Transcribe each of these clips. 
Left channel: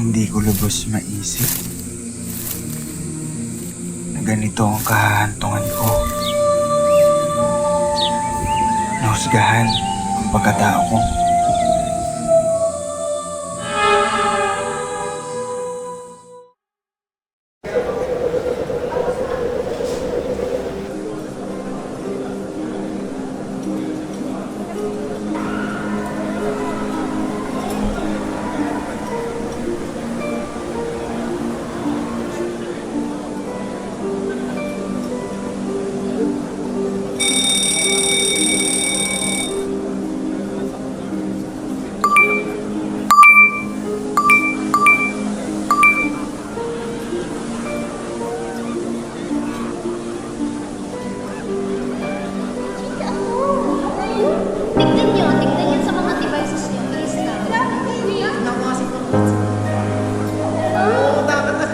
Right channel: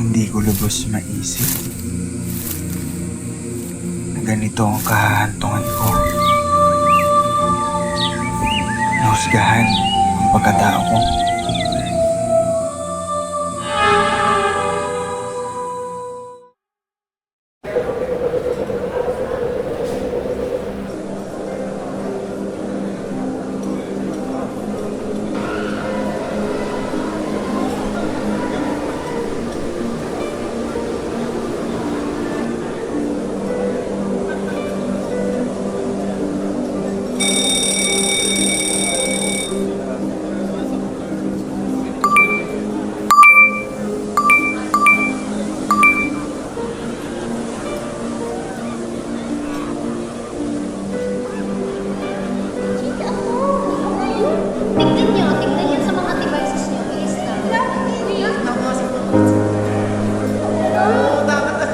Hindi ko lubos maisip na ganito ang kahahantungan ko. Nahusgahan ang pagkatao ko. Tignan niyo sa mga devices niyo. Bilis na. Naku, kasi Oo, dapat.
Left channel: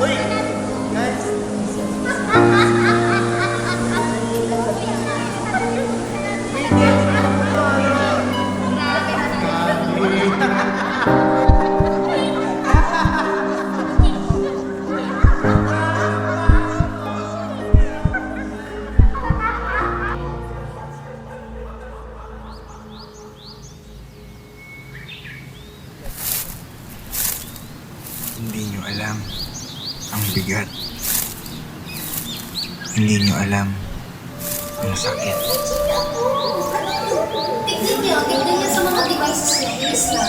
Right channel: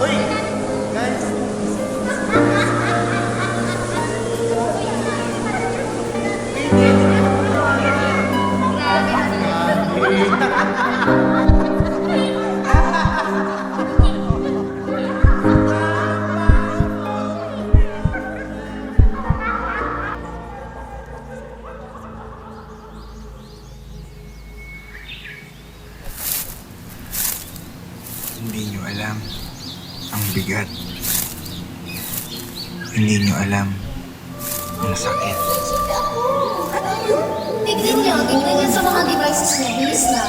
Uy, guys. Hindi nyo alam ang bigat. Hindi nyo alam ang sakit. Tignan niyo sa mga devices niyo. Bilis na.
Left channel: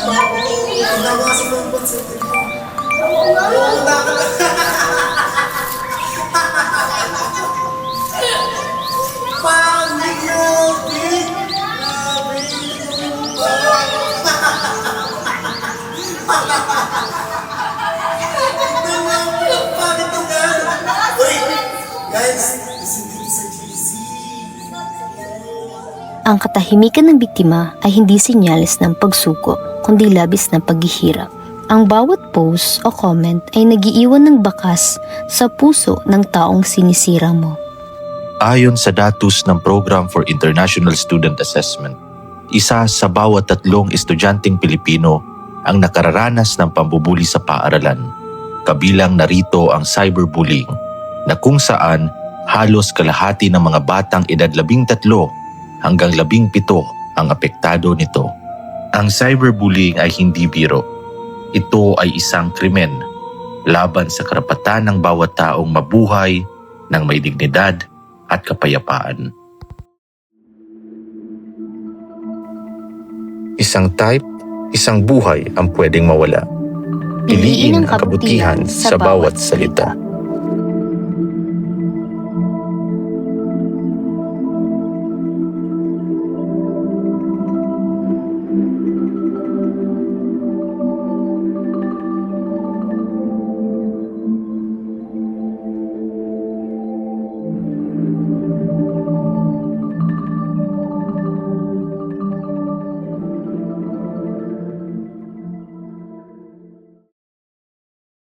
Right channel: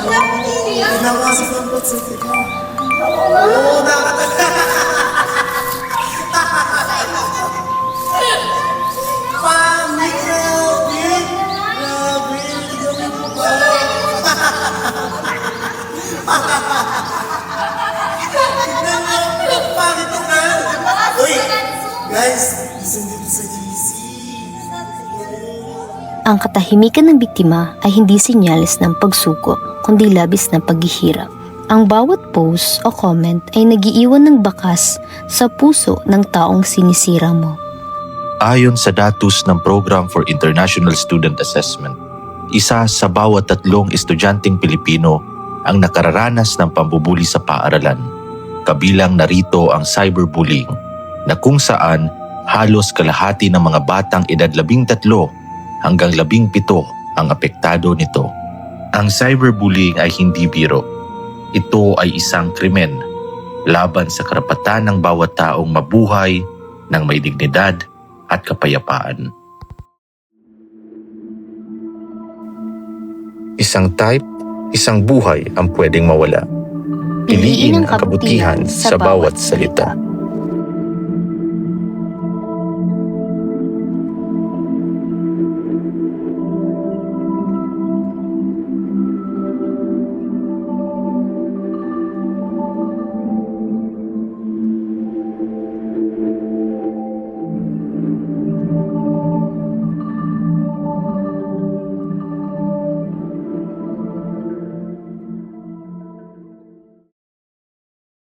Naku, kasi Oo, dapat. Guys, listen dito sa GC. Ang katahimikan ng biktima ay hindi senyales ng pagsuko, kundi labis na paghihirap. Ang bawat post o comment ay nagiiwan ng bakas sa puso ng taong sinisira mo. Ayon sa datos ng Program for International Student Assessment, isa sa bawat 3 estudyanteng Pilipino ang nakararanas ng pambubuli sa paaralan. Kabilang narito ang cyberbullying, na kung saan halos kalahati ng mga batang edad 13 hanggang 17 ang apektado nito. Ang cyberbullying ay hindi biro. Ito ay isang krimen laban sa karapatan ng bawat taong mabuhay ng may dignidad at kapayapaan. Isang type, isang buhay ang pwedeng mawala. Piliin ang kabutihan sa bawat salita.